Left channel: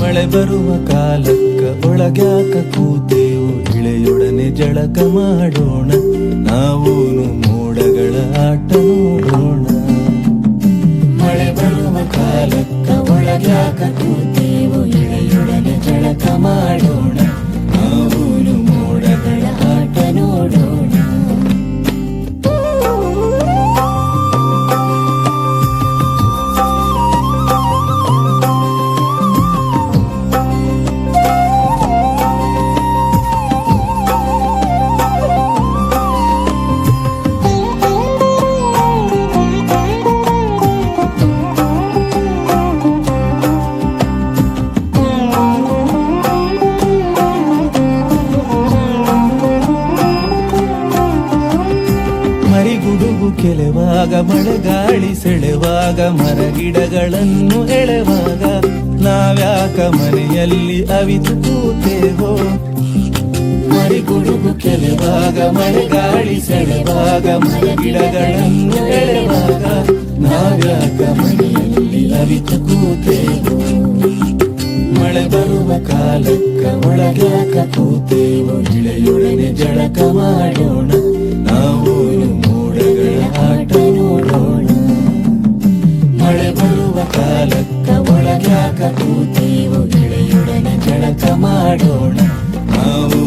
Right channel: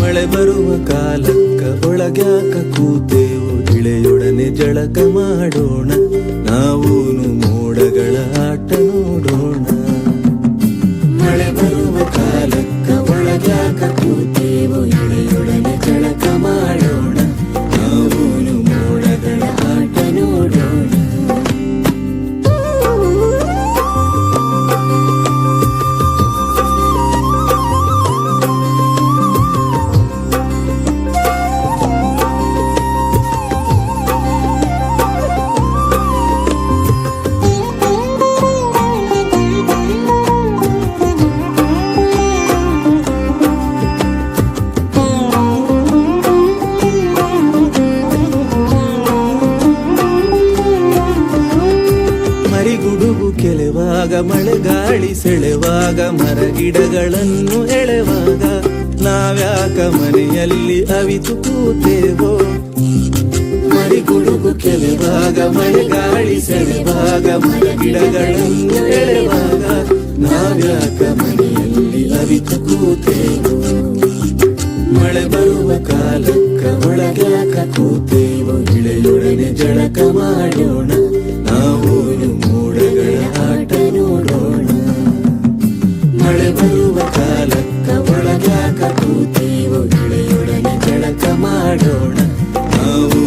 ಮಳೆ ಬರುವ ಕಾಲಕ್ಕ ಒಳಗ್ಯಾಕ ಕೂತೇವು, ಇಳೆಯೊಡನೆ ಜಳಕ ಮಾಡೋಣ. ನಾವೂನು ಮೋಡಗಳ ಆಟ ನೋಡೋಣ. ಮಳೆ ಬರುವ ಕಾಲಕ್ಕ ಮರಿಗುಡುಗು ಮಳೆ ಗಾಳಿ ಸೆಳೆವಾಗ ಮರಗಿಡಗಳನ್ನು ಎಳೆವಾಗ ನಾವ್ಯಾಕ ಮನೆಯಲ್ಲಿ ಅವಿತು ಕೂತೇವೋ? ಮರಿಗುಡುಗು ಮಳೆ ಗಾಳಿ ಸೆಳೆವಾಗ ಮರಗಿಡಗಳನ್ನು ಎಳೆವಾಗ ನಾವ್ಯಾಕ ಮನೆಯಲ್ಲಿ ಅವಿತು ಕೂತೇವೋ? ಮಳೆ ಬರುವ ಕಾಲಕ್ಕ ಒಳಗ್ಯಾಕ ಕೂತೇವೋ? ಇಳೆಯೊಡನೆ ಜಳಕ ಮಾಡೋಣ, ನಾವು ಮಳೆ ಬರುವ ಕಾಲಕ್ಕ ಒಳಗ್ಯಾಕ ಕೂತೀವು ಇಳೆಯೊಡನೆ ಜಳಕ ಮಾಡೋಣ. ನಾವು